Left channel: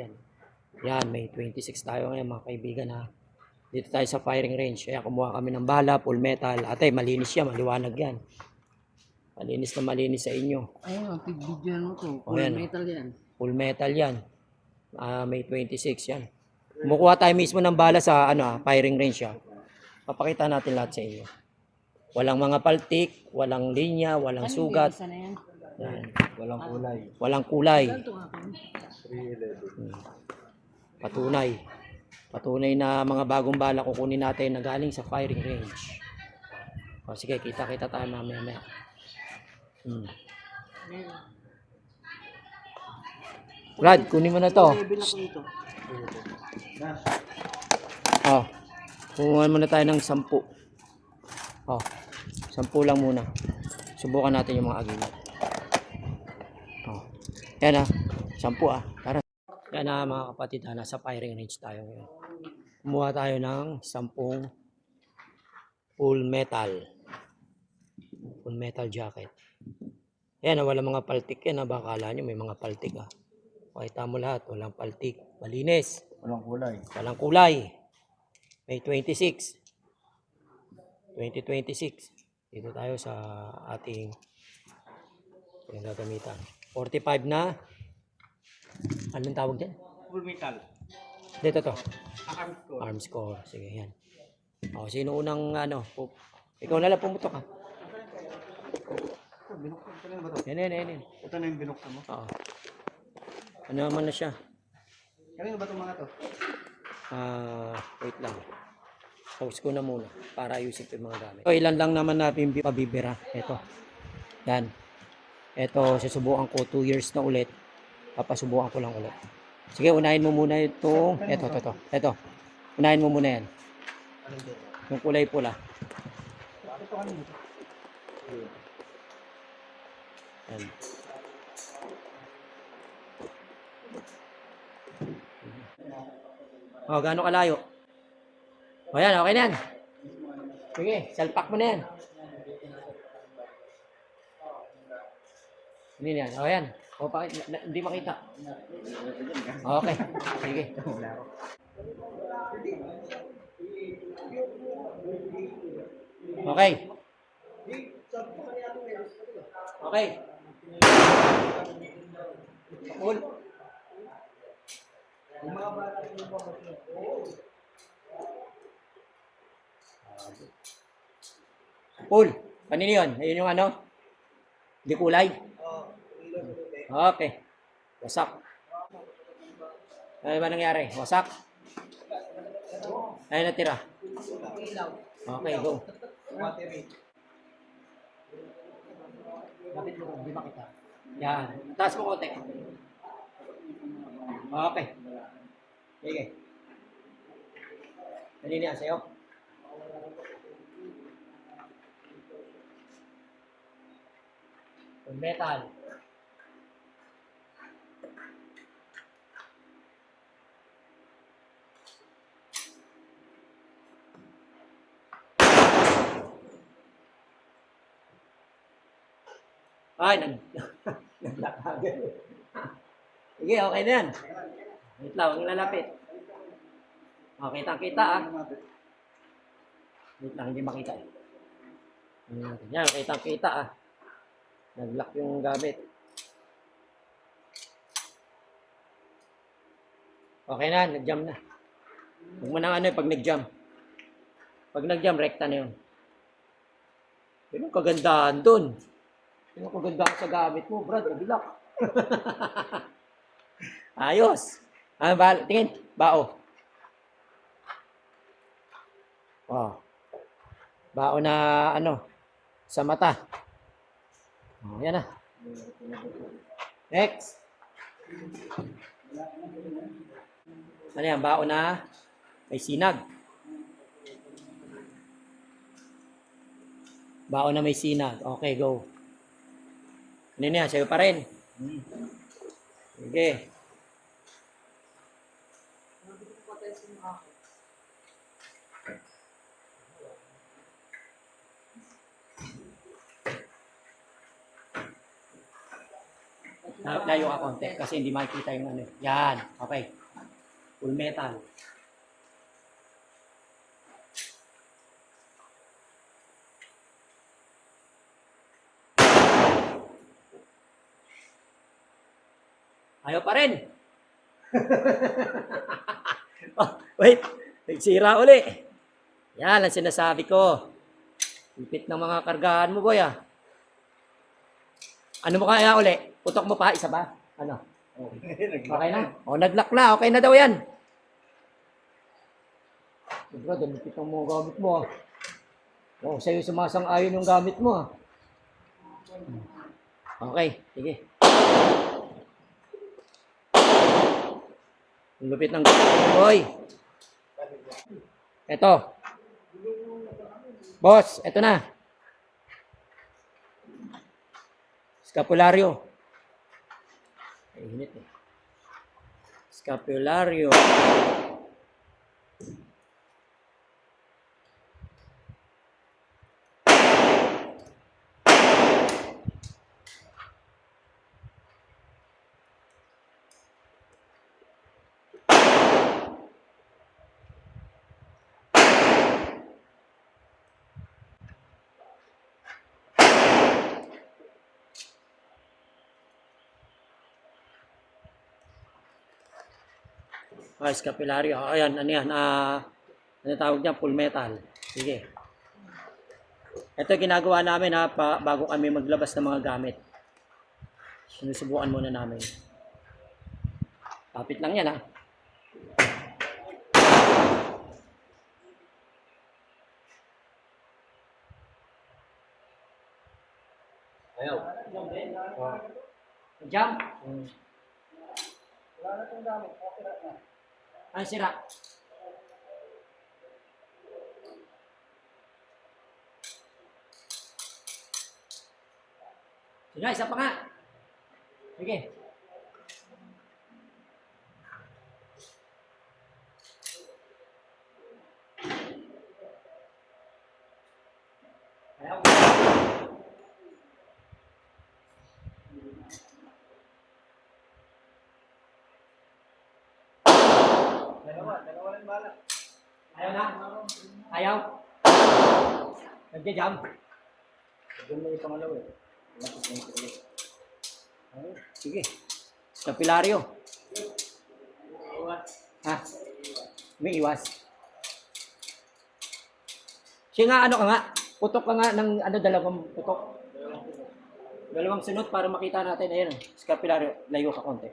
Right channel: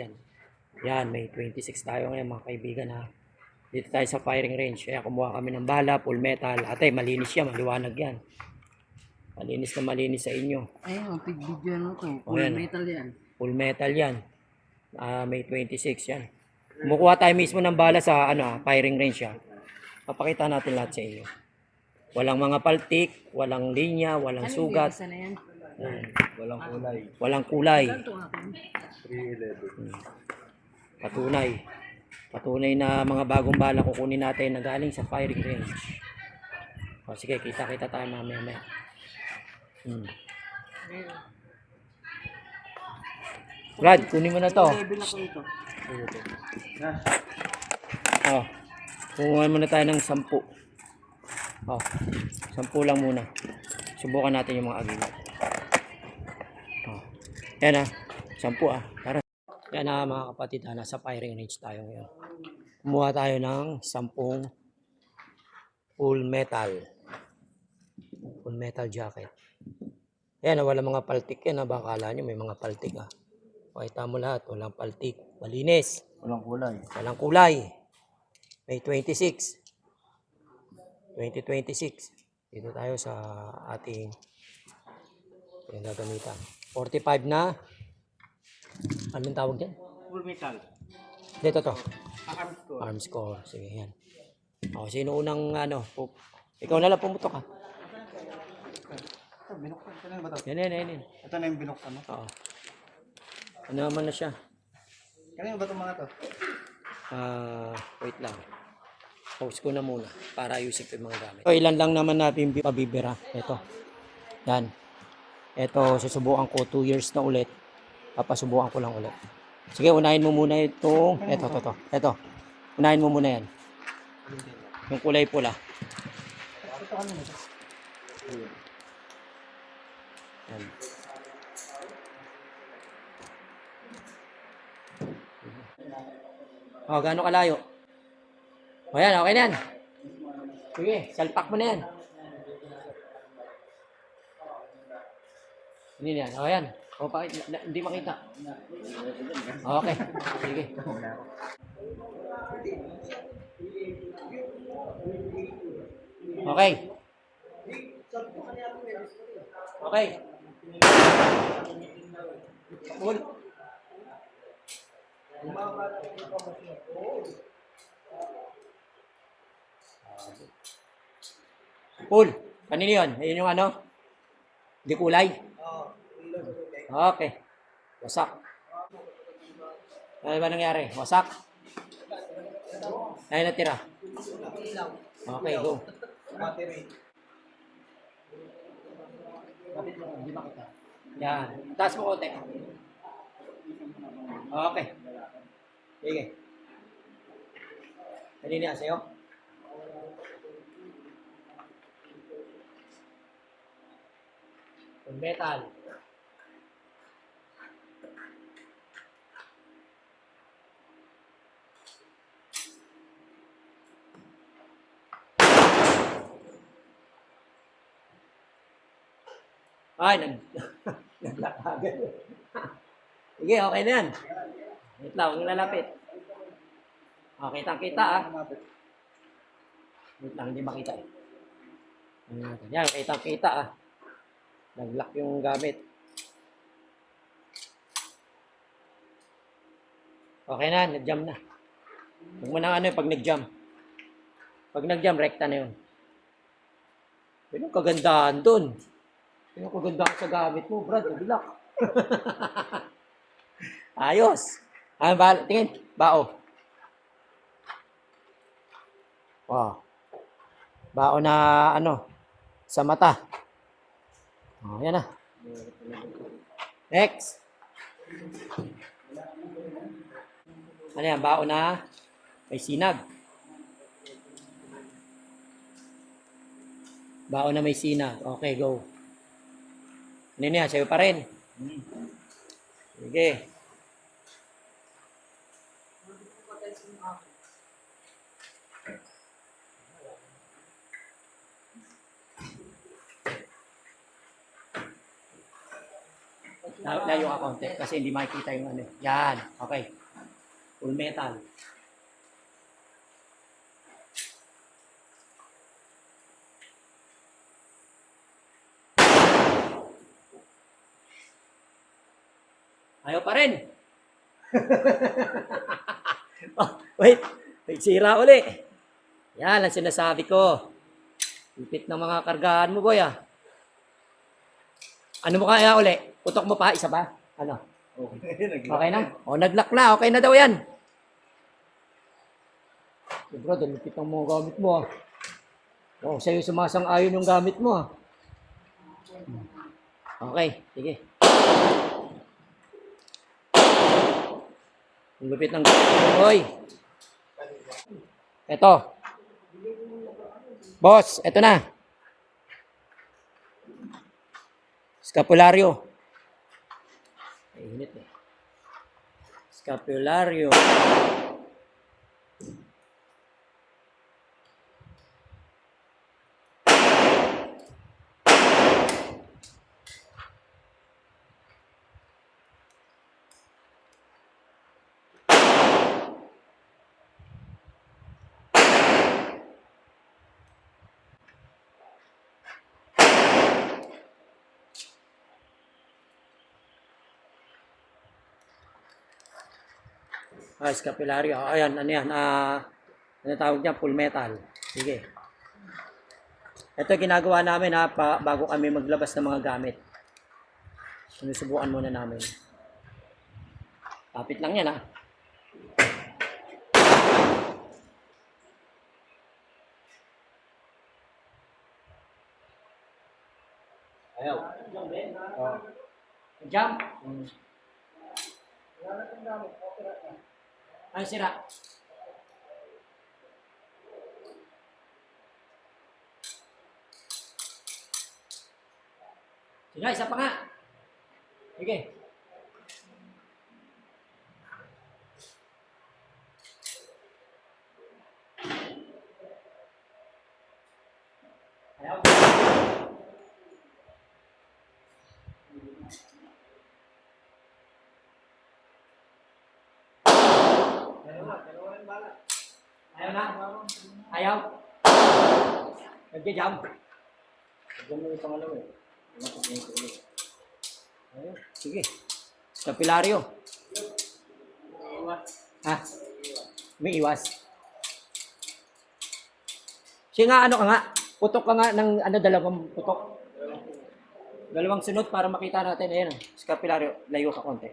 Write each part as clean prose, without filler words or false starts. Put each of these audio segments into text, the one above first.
Yan. Yan, may 26 tayo ngayon mga kaibigan ha. Dito tayo sa firing range. Kaya kumuha kami ng bala, full metal. Ate, malinis yan, maliwanag yan. Malinis na malinis sa inyo. Ayun, pig-video mo to. O, Full yan, metal yan. full metal yan. May 26 yan. Kumukuha tayo mismo ng bala sa firing range ha. Papakita natin lahat sa inyo. Walang mga paltik, walang linya, walang sugat. Isa na yan. Yan. Walang kulay. Walang kulay. Ganito akin. 311. Patunay. Patunay na mga bagong bala kukunin natin na galing sa firing range. O sige, kita-kita tayo mamaya-maya. Brad, kunin mo na to. Level ako ito. Oh. Kumuha muna tayo ng 10. Oh. 10 lang muna. Subukan natin yung mga agimat. Oh. Yan 10 Tara. Yan mga kapatid, nasa firing range tayo ngayon. Kumuha tayo ng 10 full metal. Full metal jacket. Yan, wala mga paltik yan. Baka akala nyo may mga paltik Pakita mo lahat, walang paltik. Malinis. Walang kulay. Walang kulay. May 26. 2026. Dito tayo sa ating pinagagamitan. 45 na. Anong tawag dyan? Full metal. Dito to. Arm score. Arm score. Sige, yan. O, sino unang ikaw na lang pumutok ha. Binuksan ko na ba ito? Yan. Ito na yung binuksan mo. Oo. Ano naman na siya? Kanino ba itong mga to? Wait lang. Pause ko na muna para ayusin ko yung mga gamit. So, ilan lang naman natin pabibira. Ito. Yan. Ito, susubukan ko 2 years na ulit. Papasubukan ko lang ulit. Sige, unahin mo muna itong... Ito. Unahin mo muna yan. Yung kulay pula. Yan. O, gaano kalayo? O yan, okay na yan. Sige, salpak mo na yan. Hindi na yan. O yan. O, hindi makita. Okay. Sige. Okay. Okay. Cool. Cool. Kanino yun? Ayun yung Hindi kulay? Okay. Wasak. Ano ba nangyari? Wasak? Ano natira? Okay, go. Lapit mo, hindi makita. Yan. Taas mo konti. Okay. Sige. Kanina yan sa'yo? Full metal. Ay, nag-lock agad. Sige, okay na yan. Wait lang, huwag lalapit. Okay, kitang-kita Wait lang, hindi makita Yan, kitang-kita Nag-lock yung gamit. Okay na, nag-jam na. Huwag mo na pag nag-jam. Pag nag-jam, rekta na yun. Yun ang kagandahan dun. Yun ang kagandahan sa gamit mo, Brad. Nag-lock. Ayos. Tingin, bao. Wow. Bao na sa mata. Yan na. Next. Ano yan? Bao na may sinag. Bao na may sinag. Okay, go. Ano yan? Sa'yo pa rin. Sige. Layo ka konti kasi hindi makikita yung ano. Yan. Okay. Full metal. Ayaw pa rin. Oh, wait. Nagsira uli. Yan ang sinasabi ko. Ipit ng mga kargahan mo, boy, ah. Ano mo kaya uli? Putok mo pa? Isa ba? Ano? Okay na? O, nag-lock na. Okay na daw yan. Bro, dalipit ang mga gamit mo, ah. O, sa'yo sumasang-ayon yung gamit mo, ah. Okay, sige. Ang lupit ng boy. Eto. Boss, eto na. Scapularyo. Ay, init eh. Scapularyo. Scapularyo. Ayan, ano yan? Ano tawag niya? Full metal. Sige. Ito ginagawa namin bago kami maglabas ng mga gamit. Sinusubukan muna namin. Kapit lang yan, ha. Ayaw. Oh. Jump. Wala na itong gamit. Okay na. Ay, sira. Sige, isa pa nga. Sige. Ayaw. Dalawa lang bala. Ayaw na? Ayaw? Nagja-jump? Diyan mo yung pangalawa eh. Oh, sige. Kapilaryo. Ha? May iwas. Siya nga, ano ka nga? Putok ka nga ng dalawang putok. Dalawang sunod para makita natin. Ayan, scapularyo. Layo ka konti.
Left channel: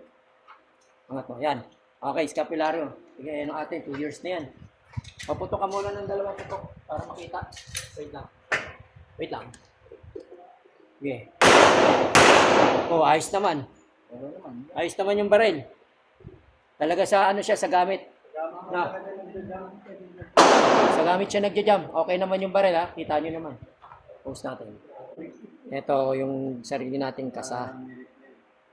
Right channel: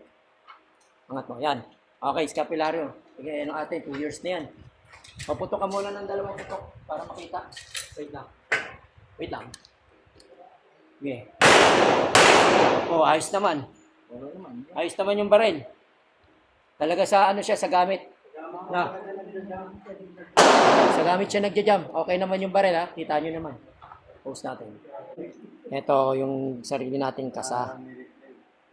Angat mo. Yan. Okay, scapularyo. Sige, ano atin. 2 years na yan. Paputok ka muna ng dalawang putok para makita. Wait lang. Wait lang. Sige. Oh, ayos naman. Ayos naman yung baril. Talaga sa ano siya, sa gamit. Na. Sa gamit siya nagja-jam. Okay naman yung baril, ha. Kita nyo naman. Post natin. Ito yung sarili nating kasa.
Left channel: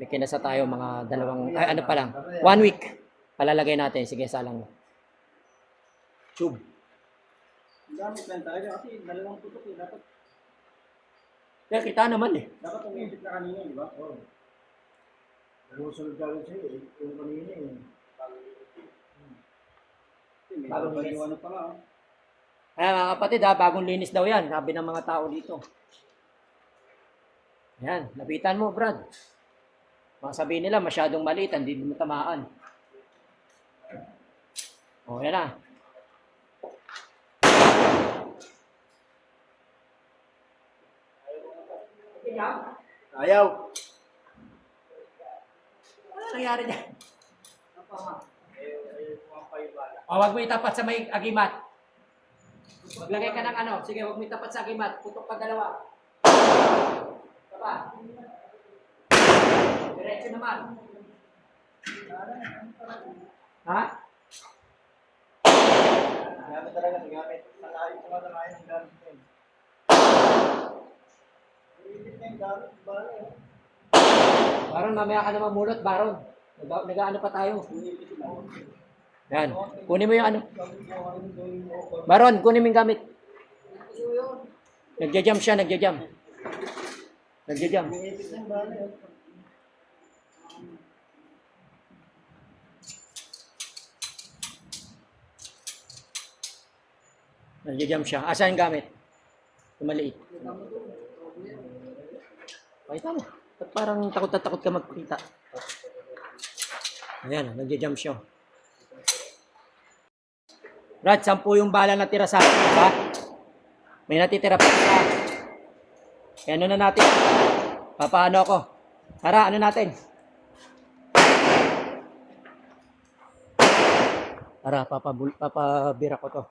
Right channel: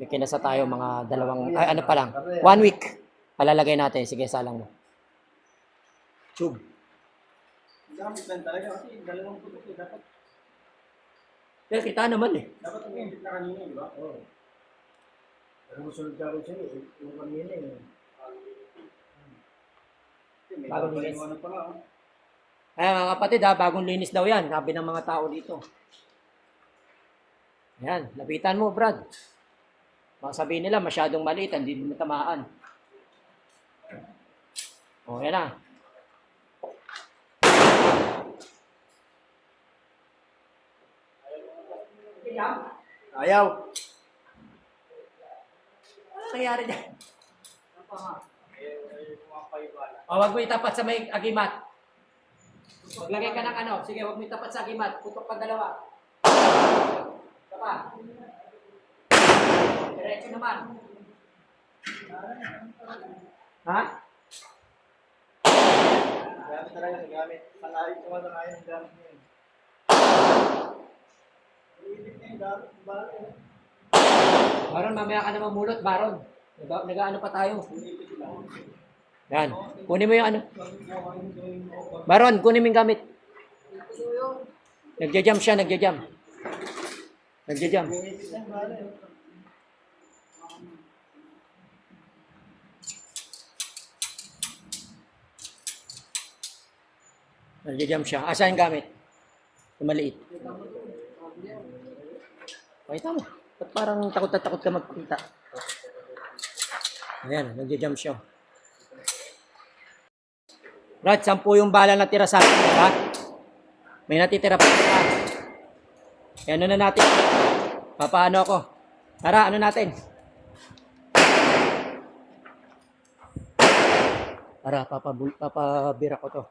May kinasa tayo mga dalawang, ano pa lang. 1 week. Palalagay natin. Sige, salang mo. Tube. Gamit lang talaga kasi dalawang putok eh. Dapat Kita naman eh. umipit na kanina, di ba? Oo. Dalawang sunod gagawin sa'yo eh. Yung kanina eh. Bagong linis. Ano pa lang. Ay, mga kapatid, bagong linis daw yan. Sabi ng mga tao dito. Ayan, lapitan mo, Brad. Mga sabihin nila, masyadong maliit, hindi mo tamaan. O, yan na. Ayaw. Ano nangyari dyan? O, wag mo itapat sa may agimat. Maglagay ka ng ano. Sige, wag mo itapat sa agimat. Putok pa dalawa. Ito pa. Diretso naman. Ha? Gamit talaga ng gamit. Sangayon ng gamit niya eh. Umipit na yung gamit. Bala eh. Baron, mamaya ka na mamulot, Baron. Nag-ano pa tayo. Yan. Kunin mo yung ano. Baron, kunin mo yung gamit. Nagja-jump siya, nagja-jump. Nagja-jump. Umipit na yung bala eh. Nag-jump siya. Asan yung gamit? Yung maliit. Pakita mo. Ba't parang takot na takot ka magpakita? Ayan, nag-jump siya. Brad, 10 yung bala na tira sa akin, diba? May natitira pa isa. Kaya ano na natin? Papaano ako? Tara, ano natin? Tara, papabira ko to.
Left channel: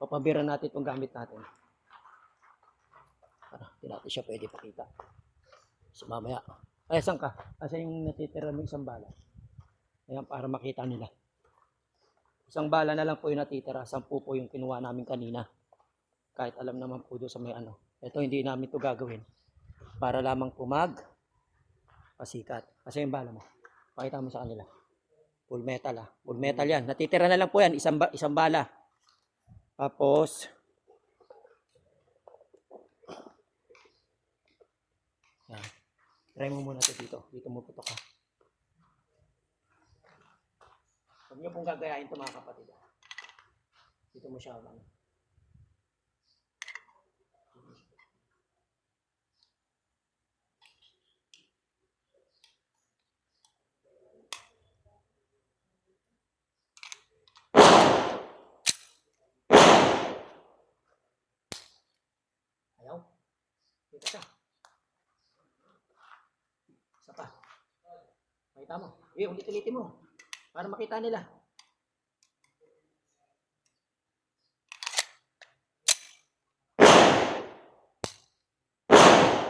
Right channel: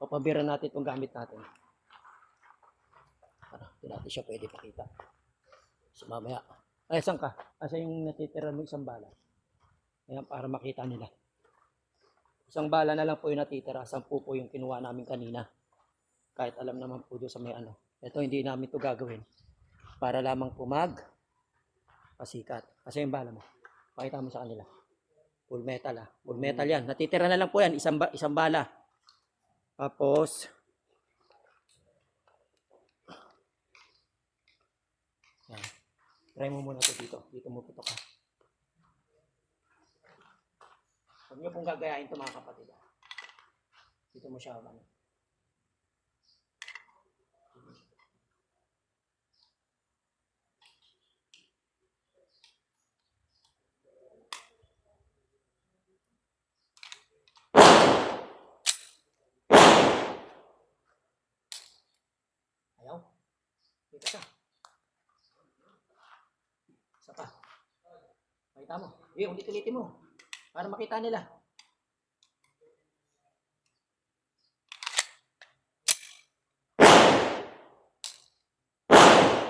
Papabira natin itong gamit natin. Tara, hindi natin siya pwede pakita. So mamaya. Ay, saan ka? Asan yung natitira ng isang bala? Ayan, para makita nila. Isang bala na lang po yung natitira. 10 po yung kinuha namin kanina. Kahit alam naman po doon sa may ano. Ito, hindi namin to gagawin. Para lamang po pasikat. Kasi yung bala mo. Pakita mo sa kanila. Full metal ah. Full metal yan. Natitira na lang po yan. Isang bala. Tapos, yan. Try mo muna ito dito. Dito mo putok ka. Huwag niyo pong gagayahin ito mga kapatid. Dito mo siya ano. Ayaw. Dito ka. Isa pa. Makita mo. Ulit-ulitin mo. Para makita nila.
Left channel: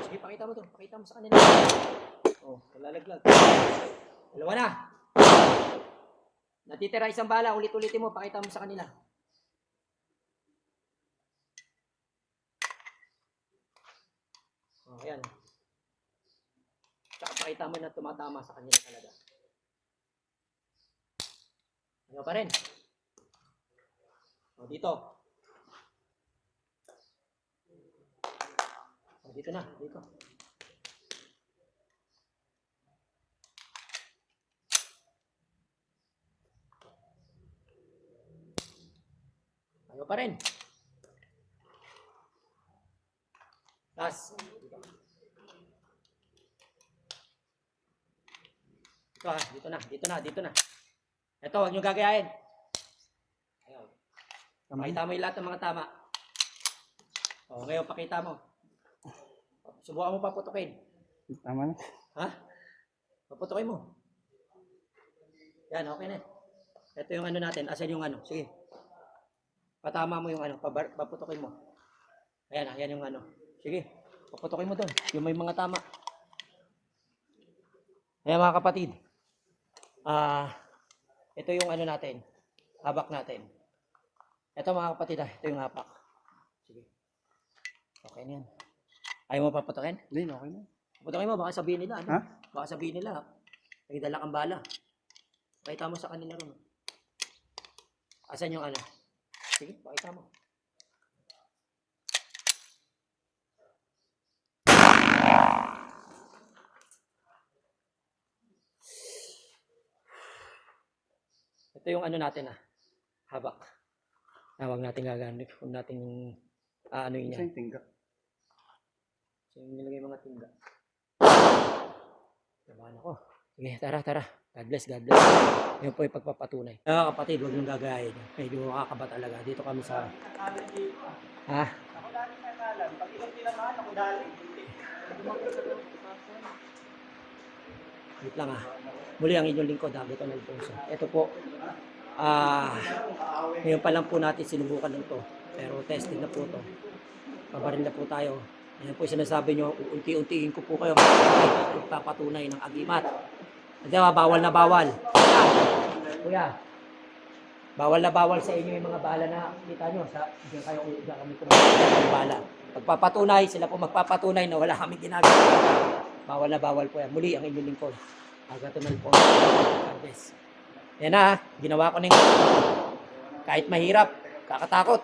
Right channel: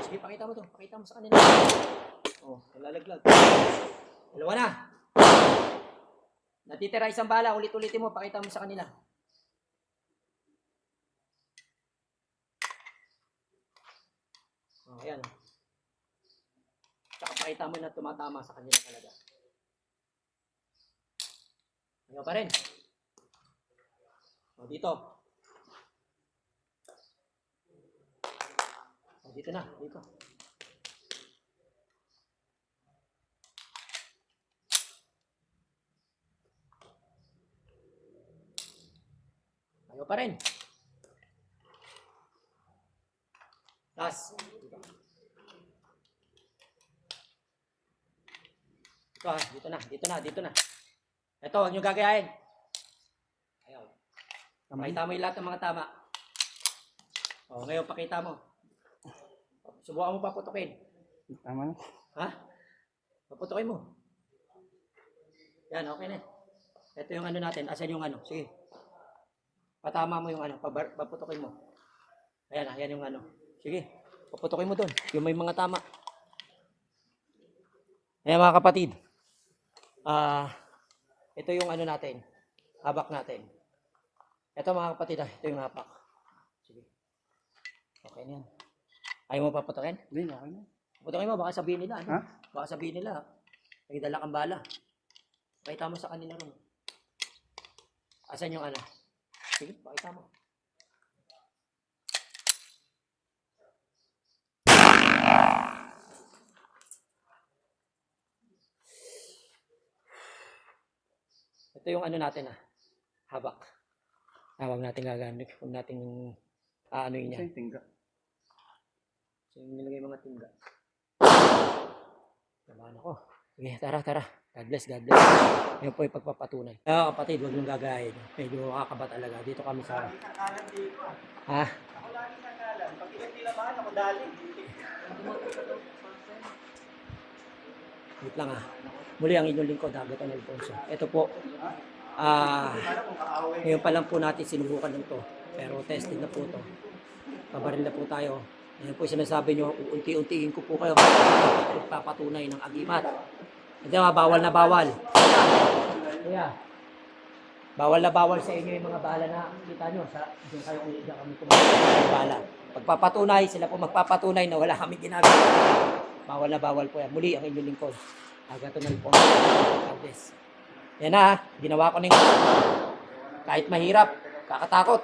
Sige, pakita mo to. Pakita mo sa kanila. Oh, lalaglag. Dalawa na. Natitira isang bala. Ulit-ulitin mo. Pakita mo sa kanila. Oh, ayan. Tsaka pakita mo na tumatama sa kanila talaga. Ayaw pa rin. O, dito. O, dito na. Dito. Ayaw pa rin. Last. Dito. Dito na. Dito na. Dito na. Ito, huwag nyo gagayahin. Ayaw. Pakita mo yung lahat ng mga tama. O, ngayon, pakita mo. Subukan mo paputukin. Tama na. Ha? Paputukin mo. Yan, okay na. Ito yung ano natin. Asan yung ano? Sige. Patama mo yung ano. Paputukin mo. Ayan, ayan yung ano. Sige. Paputukin mo dun. Yung may mga tama. Ayan mga kapatid. Ito yung ano natin, habak natin. Ito mga kapatid, ito yung habak. Sige. Okay na yan. Ayaw mo paputokin? Hindi, okay na. Paputokin mo, baka sabihin nila. Ano? Ha? Baka sabihin nila, may dala kang bala. Pakita mo sa kanila ron. Asan yung ano? Sige, pakita mo. Ito yung ano natin habak. Huwag natin gagamit. Huwag natin ano yun yan. Sa'yo tingga. So yung nilagay mga tingga. Nabahan ako. Sige, tara. God bless. Yan po yung pagpapatunay. Kapatid, huwag niyong gagayahin. Medyo kakaba talaga. Dito kami sa... Ha? Ako lagi nakalan. Pag hindi naman, ako dali. Wait lang Muli ang inyong lingkod, Agaton Alfonso. Ito po, ngayon pa lang po natin sinubukan nito. Pero tested na po ito. Pabaril na po tayo. Ayan po sinasabi nyo, unti-untiin ko po kayo. Papatunay ng agimat. Kasi bawal na bawal. Kuya, bawal na bawal sa inyo yung mga bala na kita nyo. Diyan kami kumakas ng bala. Pagpapatunay, sila po magpapatunay na wala kami ginagawa. Bawal na bawal po yan. Muli ang inyong lingkod. Agaton Alfonso. Yan na ginawa ko na yung kahit mahirap, kakatakot.